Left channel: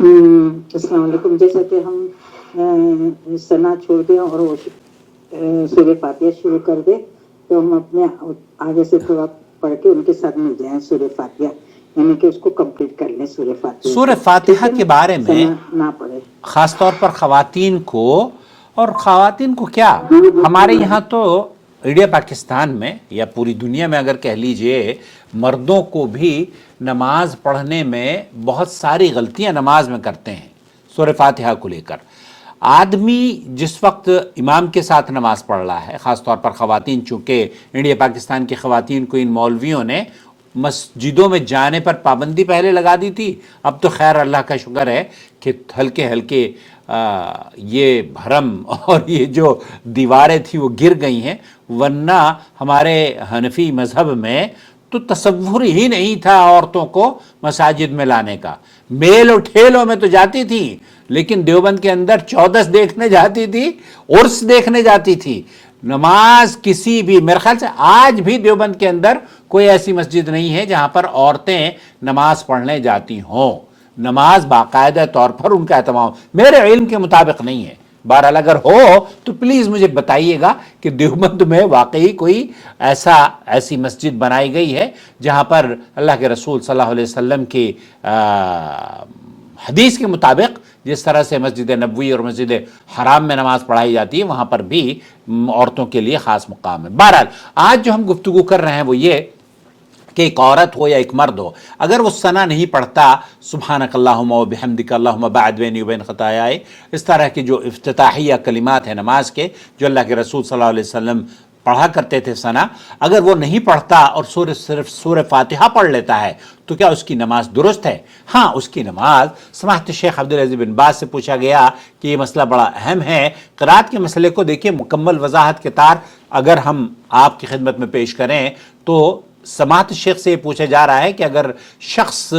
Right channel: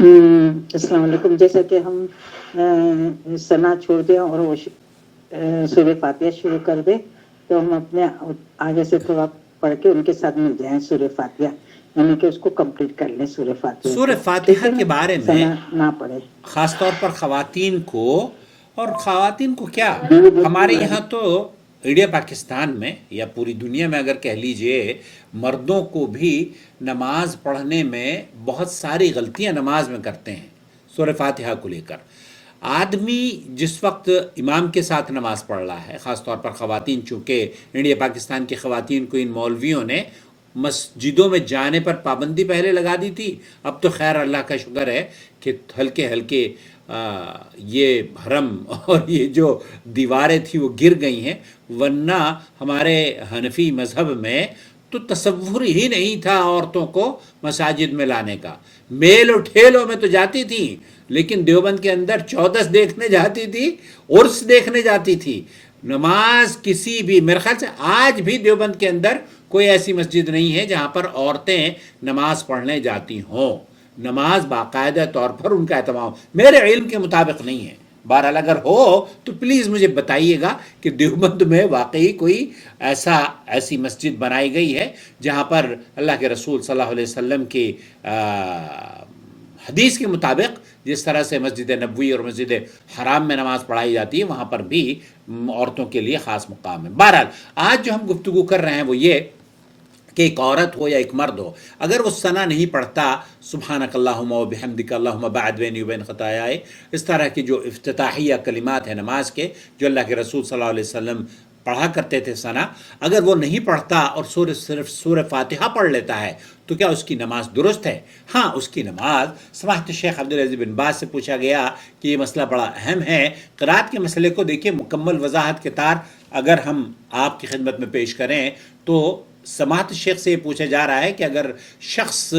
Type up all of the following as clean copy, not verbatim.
अस्सलाम वालेकुम। जैसा कि हम सना छोड़ दें और वो सूर्य फातिहा शुरू कर दे, तो हम अपने आगे से थोड़ा पढ़ के उनके साथ मिल जाएं सूर्य फातिहा, यानी कि उसको कंप्लीट कर लें सूर्य फातिहा सूर्य को। फातिहा ठीक है के ना? बारे में सना ना पढ़े। ख़ास तौर पर ख़वातीन को, और ख़वातीन को क्या, हमारे यहाँ तो इंडिया पाकिस्तान में या पूरी दुनिया में अगर कह लीजिए, मर्दों को भी नमाज पढ़ने में बहुत सारी गलतियाँ नमाज में करते हैं सूरह फातिहा को लेकर। आदमी जिस वक्त इमाम के साथ नमाज पढ़ रहा है, ख़ास तौर पर ख़वातीन, चूँकि इंडिया पाकिस्तान की ख़वातीन को इन मौलवियों ने मस्जिदों में जाने पर पाबंदी पहले लगा दी थी। अब तो खैर अल्लाह का शुक्र है कि हल्के हल्के ये भरम और ये जो दीवारें थी वो गिर गई हैं, वरना हमारे हनफी मज़हब में तो तसव्वुर ही नहीं था औरतों को मसाजिद में लाने का। मेल और ठेलों में तो जाती थी, लेकिन देवबंद के अंदर चौदस देखने जाती थी, उर्स देखने जाती थी। नमाज किसी भी, मेरे ख्याल से आज भी देवबंद के अंदर कोई ऐसी मस्जिद नहीं है जहां पर औरतें नमाज पढ़ने जाती हों। नमाज बाकायदा तौर पर उनका एहतमाम मेरे इल्म के मुताबिक नहीं है। बहरहाल अगर हो तो प्लीज़ मुझे बताइएगा कि देवबंद में वाकई कोई ऐसी मस्जिद बनाई गई है जहां पर अल्लाह के रसूल सल्लल्लाहु अलैहि वसल्लम की हदीस के मुताबिक जिस तरह से मस्जिद नबवी और मस्जिद हराम में नमाज पढ़ाई जाती है, वहाँ पर भी औरतों के लिए ख़ास मुकाम है। बहरहाल आज जो हम गुफ्तगू कर रहे हैं वो ये कि एक औरत हो या एक मर्द हो, अगर वो सना नहीं पढ़ता, सुब्हानक अल्लाहुम्मा व बिहम्दिक अल्लाहुम्मा बाअद बैनी व बैन खतायाए, इस तरह की जो इफ्तिताहिया कलिमात हैं नमाज के, जो अल्लाह के रसूल सल्लल्लाहु अलैहि वसल्लम पढ़ा करते थे सना, अगर वो नहीं पढ़ता और सिर्फ सूरह फातिहा पढ़ लेता है, तो क्या उसकी नमाज दुरुस्त है? हाँ, उसकी नमाज। समाहत शेख अब्दुल अजीज बिन बाज से पूछा गया कि ये मसला बड़ा अहम है, क़िराअत के मसले को देखिए मुकम्मल वजाहत के तार अगर हम आपकी खिदमत में पेश करें, तो समाहत शेख से पूछा जा रहा है कि अगर शख्स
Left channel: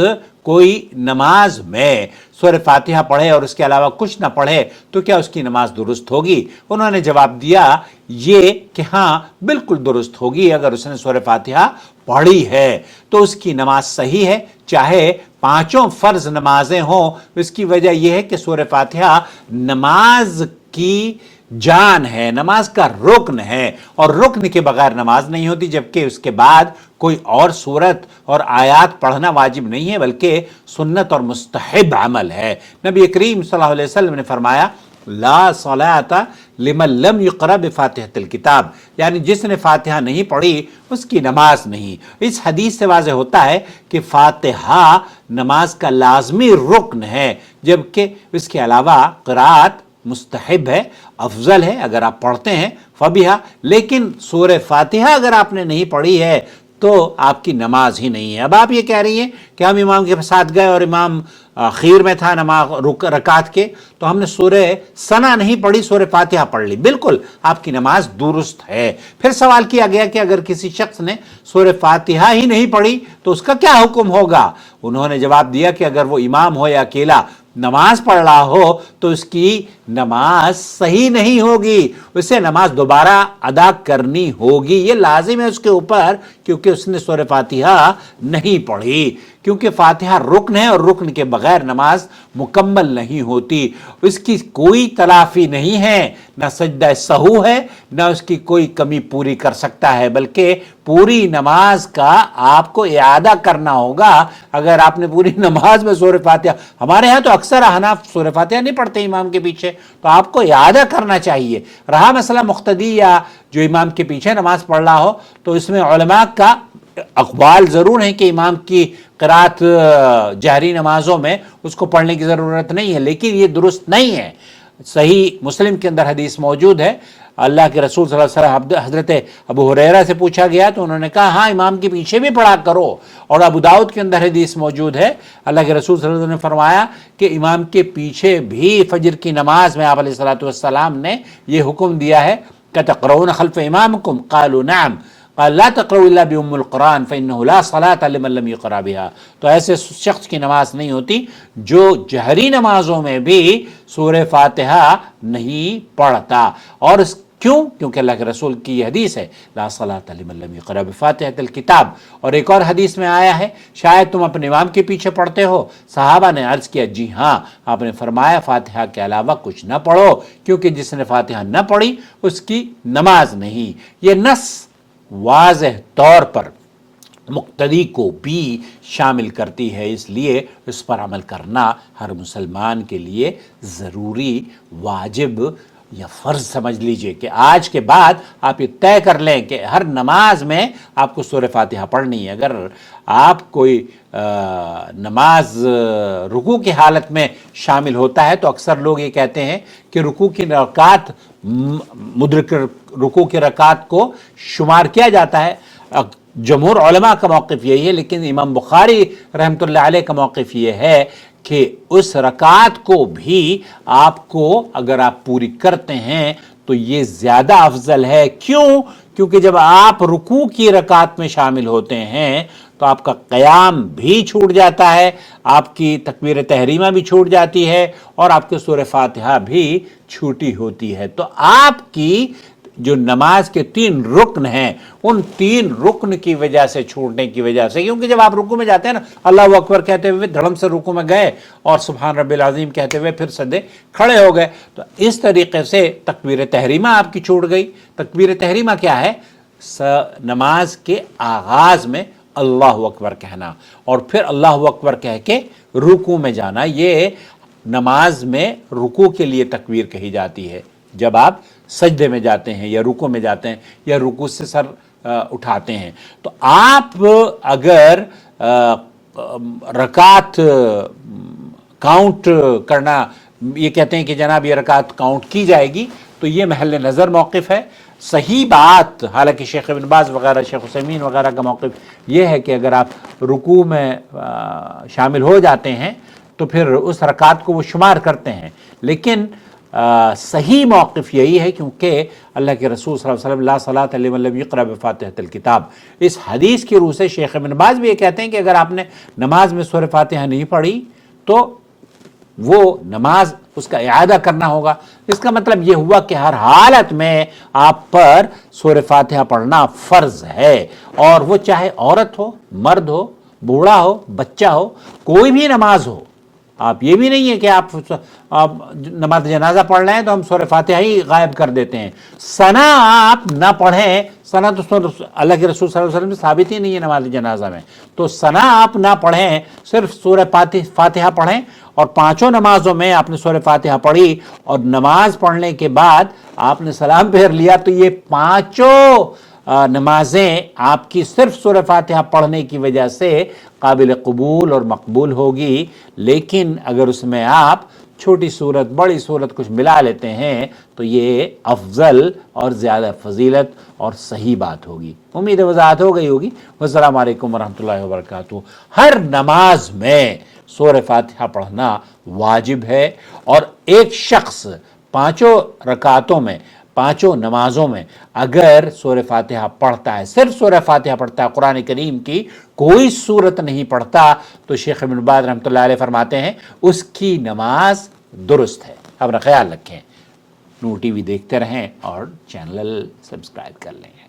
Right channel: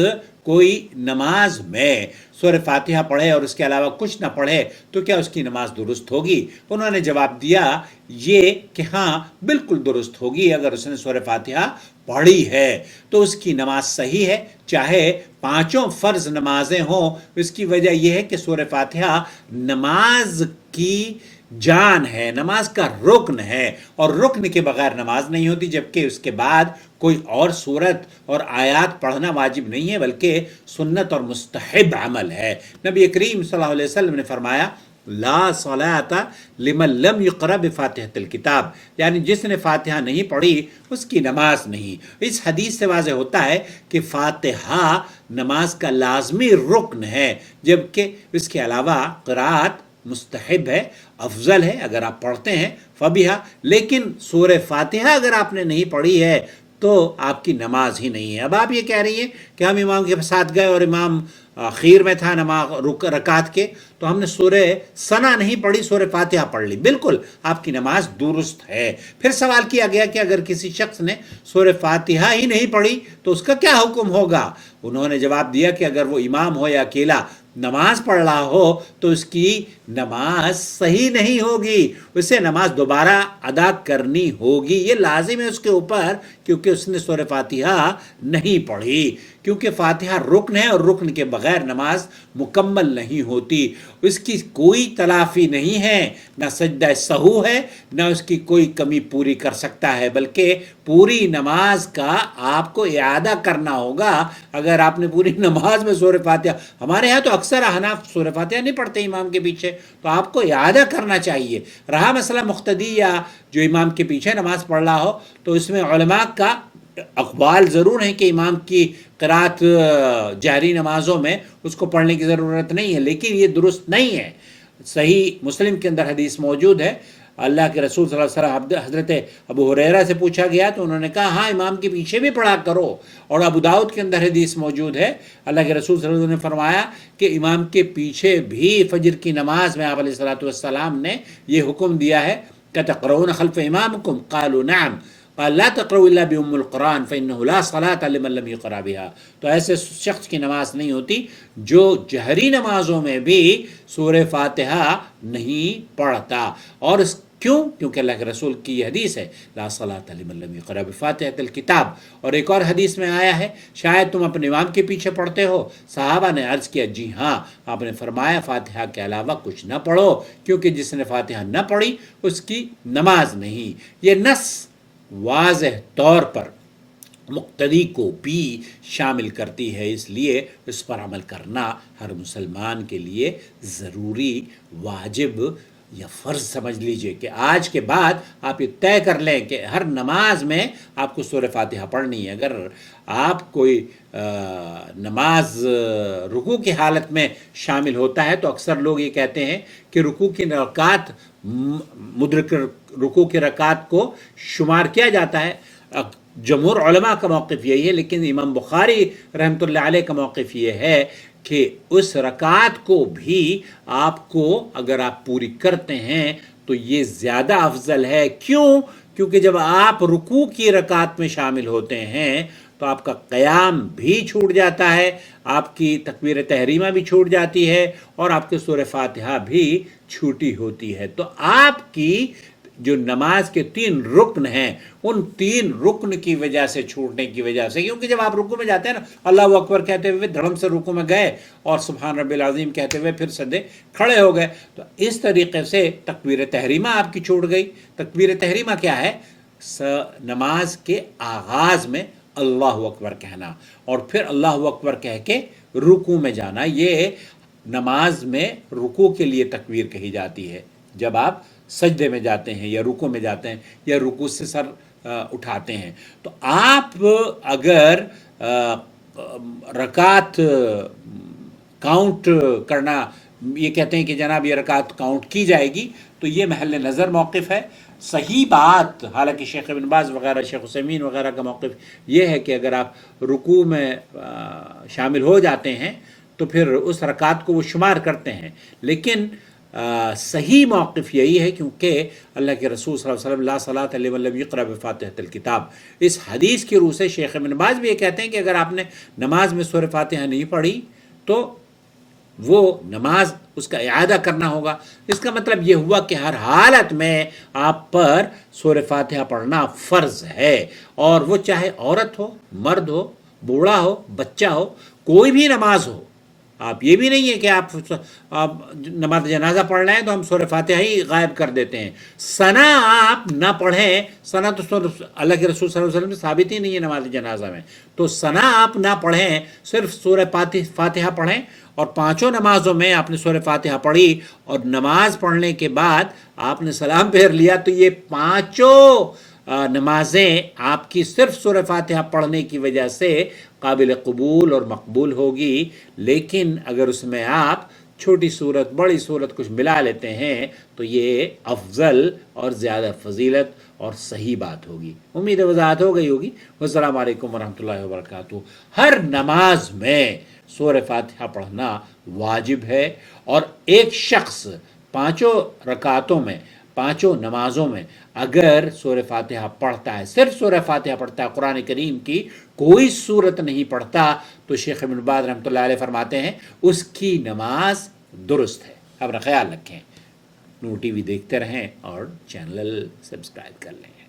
कोई नमाज में सूरह फातिहा पढ़े और उसके अलावा कुछ ना पढ़े तो क्या उसकी नमाज दुरुस्त होगी? उन्होंने जवाब दिया ये कि हाँ, बिल्कुल दुरुस्त होगी। अगर उसने सूरह फातिहा पढ़ी है तो उसकी नमाज सही है, चाहे पांचों फ़र्ज नमाजें हों। इसकी वजह यह है कि सूरह फातिहा नमाज की जान है, नमाज का रुकन है, और रुकन के बगैर नमाज नहीं होती, जबकि उसके बाद कोई और सूरत और आयात पढ़ना वाजिब नहीं है, बल्कि सुन्नत और मुस्तहब अमल है। नबी करीम सल्लल्लाहु अलैहि वसल्लम ने फरमाया, ला सलाता लिमन लम युक़रा बिफ़ातिहतिल किताब, यानी जिसने फातिहा नहीं पढ़ी उसकी नमाज नहीं। इस हदीस से वाज़ेह होता है कि फातिहा नमाज का लाजमी रुकन है, जबकि इसके अलावा क़िराअत मुस्तहब है, अफजल है अगर आप पढ़ते हैं फबिहा। लेकिन सूरह फातिहा अगर आपने नहीं पढ़ी है तो आपकी नमाज ही नहीं है। अब आप ये कह रही हैं कि हम इमाम के साथ गए और इमाम आखिर में था नमाज रकात के, तो हमने सूरह सना नहीं पढ़ी, सूरह फातिहा पढ़ ली, बिल्कुल आपकी नमाज दुरुस्त है। फिर सवाल किया गया कि अगर किसी शख्स ने सूरह फातिहा ही नहीं पढ़ी तो उसका क्या हुक्म होगा? उन्होंने जवाब दिया कि अगर वो इमाम हो या अकेला नमाज पढ़ रहा हो तो उसकी नमाज सही नहीं होगी, उसे नमाज दोबारा अदा करनी होगी। ये लाजिम है उसके ऊपर, क्योंकि उसने सूरह फातिहा नहीं पढ़ी, क्योंकि फातिहा रुकन है और रुकन के बगैर नमाज मुकम्मल नहीं होती। इसकी कोई तलाफी नहीं है, ना सजदा सहू है, ना उसकी कोई कमी पूरी कर सकता है, बल्कि पूरी नमाज का आपको इआदा करना होगा। अगर आपने पूरी नमाज में सूरह फातिहा, हमारे यहाँ तो अक्सर अहनाफ सूरह फातिहा नहीं पढ़ते इमाम के पीछे, तो आपको इआदा करना चाहिए। रहा मसला मुख्तदी या जो इमाम के पीछे नमाज पढ़ रहा हो, तो इसमें उलमा का अक़वाल ज़रूर है कि इमाम की क़िराअत जहरी नमाजों में उसको पढ़ने की ज़रूरत नहीं है, लेकिन ये दुरुस्त नहीं है। सही मुस्लिम के अंदर हदीस मौजूद है, अल्लाह के रसूल सल्लल्लाहु अलैहि वसल्लम हज़रत अबू हुरैरा से पूछा गया तो उन्होंने कहा हाँ, इमाम के पीछे भी पढ़ा करो। और अबू दाऊद के अंदर हदीस मौजूद है, अल्लाह के रसूल सल्लल्लाहु अलैहि वसल्लम ने फरमाया कि इमाम के पीछे भी फजर की नमाज में आप अलैहिस्सलातु वस्सलाम ने ये हुक्म दिया है कि तक़रऊन खल्फ़ इमामिकुम, क़ालू नअम, क़ाल ला तक़रऊ इल्ला बिउम्मिल क़ुरान फ़इन्नहु ला सलात लिमन लम युक़रा बिहा। तो ऐसे शख्स की नमाज नहीं होती जो जहरी नमाजों में भी सूरह फातिहा नहीं पढ़ता। और क्यों? क्योंकि अल्लाह के रसूल की ये हदीस है, ला सलात लिमन लम यक़रा बिफ़ातिहतिल किताब। और एक और हदीस में आया है, शायद तुम अपने इमाम के पीछे पढ़ते हो। सहाबा ने अर्ज किया, जी हाँ। आपने फरमाया, फातिहा के अलावा कुछ न पढ़ो, क्योंकि जिसने फातिहा न पढ़ी उसकी नमाज नहीं। ये नस वाज़ेह तौर पर मुक्तदी को भी शामिल करती है, इसलिए इस पर अमल करना हर मुसलमान के लिए ज़रूरी, वाजिब या फ़र्ज़ समझ लीजिए कि आज के बाद आप ये तय कर लें कि हर नमाज में आपको सूरह फातिहा पढ़नी है। अगर आप कोई नमाज रुकू की हालत में शामिल होता है तो अक्सर लोग ये कहते हैं कि रुकू की रकात, मुद्रिक रुकू की रकात को शुमार किया जाता है। जमहूर उलमा का मौक़िफ़ यही है, लेकिन इमाम बुखारी रहमतुल्लाह अलैह का मौक़िफ़ ये है कि उस रकात को भी आपको अगर आप पूरी करते हैं तो ये ज़्यादा अफजल है। क्यों? क्योंकि जब आप रुकू की रकात में शामिल होते हैं तो आपका क़याम भी छूट जाता है, आपकी तकबीर तहरीमा भी छूट जाती है और आपके सूरह फातिहा भी छूटी होती है। तो आपकी जो नमाज के 3 रुकन हैं, उन 3 रुकन की वजह से, छूटने की वजह से, क्योंकि जब आप रुकू में जाते हैं ना, अल्लाहु अकबर कहते हुए धड़म से रुकू में गए और सुभान रब्बिल अज़ीम कहते हुए फिर सजदे खड़े हो गए, तो इस तरीके से तकबीर तहरीमा आपकी छूट गई। तकबीर तहरीमा क्या है? नमाज के आगाज़ में अल्लाहु अकबर कहना और फिर अल्लाहु अकबर कह के रुकू में जाना। ये नमाज में रुकू के लिए तकबीर कही जाती है। जब आप सजदे में जाते हैं या रुकू में जाते हैं या रुकू से सर उठाते हैं, तो आप अगर रकात काउंट करना, ये कहते हैं कि जनाब ये रकात काउंट की जाएगी, तो ये महल नज़र मौक़िफ़ है। सही बात, हालांकि शेख इब्न बाज़ वगैरह, शेख हुसैमीन वगैरह का मौक़िफ़ ये है कि अगर आप रुकू में शामिल हो जाते हैं तो फिर उस रकात को वो शुमार करते हैं, लेकिन सही मौक़िफ़ यही है क्योंकि अल्लाह के रसूल सल्लल्लाहु अलैहि वसल्लम ला सलात लिमन लम यक़रा बिफ़ातिहतिल किताब, इस हदीस की रूह से शेख इब्न बाज़ भी ये कहते हैं कि अगर आपने नमाज में सूरह फातिहा नहीं पढ़ी तो वो नमाज उसका इआदा करना होगा। इसका मतलब ये हुआ कि हर हालत में आप पर सूरह फातिहा पढ़ना फ़र्ज़ है, और वो चाहे औरत हो, मर्द हो, बूढ़ा हो, बच्चा हो, कोई भी नमाज हो। आप ये भी नहीं है कि आप नमाज जनाजा पढ़ रहे हैं तो हम सूरह फातिहा ही गायब कर देते हैं। सना आप ना पढ़ें, सना तो अल्लाह के रसूल सल्लल्लाहु अलैहि वसल्लम में साबित ही नहीं है नमाज जनाजा में, तो सना आप ना पढ़ें, सिर्फ सूरह फातिहा पढ़ें और 5 नमाजों में आपने सूरह फातिहा पढ़ी और नमाज पढ़ने के बाद आपने सलाम फेर लिया, तो ये 5 नमाजें आपकी सिर्फ सूरह फातिहा पढ़ने की वजह से काबिल कबूल और मकबूल होगी। लेकिन अगर उसमें आप छोटी सूरत, बड़ी सूरत कुछ मिला लेते हैं तो ये अफजल और ज़्यादा फजीलत और सही बात होगी। उम्मीद है वज़ाहत हो गई होगी। अस्सलामु अलैकुम वरहमतुल्लाहि वबरकातुहू। हर नमाज में सूरह फातिहा पढ़ना वाजिब है, और एक शख्स 5 रकातों में, 5 नमाजों में अगर सूरह फातिहा पढ़ता है, सिर्फ सूरह फातिहा पढ़ता है, कुरान करीम की कोई सूरत नहीं पढ़ता, तो शेख इब्न बाज़ रहमतुल्लाह अलैह फरमाते हैं उसकी नमाज दुरुस्त है। अपना ख्याल रखें, नूर टीवी देखते रहें और चैनल सब्सक्राइब कर लें।